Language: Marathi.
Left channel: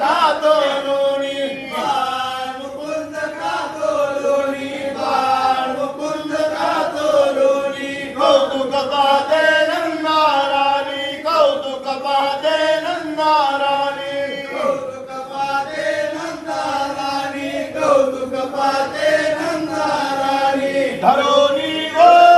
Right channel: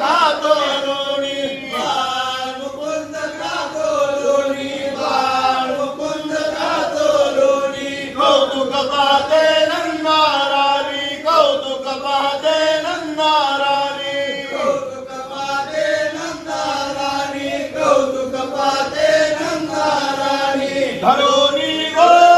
खातो लोणी बाळ मुकुंद खातो लोणी बाळ मुकुंद खातो लोणी कौतुक पाहते नंदा राणी कौतुक पाहते नंदा राणी कौतुक पाहते नंदा राणी कौतुक पाहते नंदा राणी धरोनी गो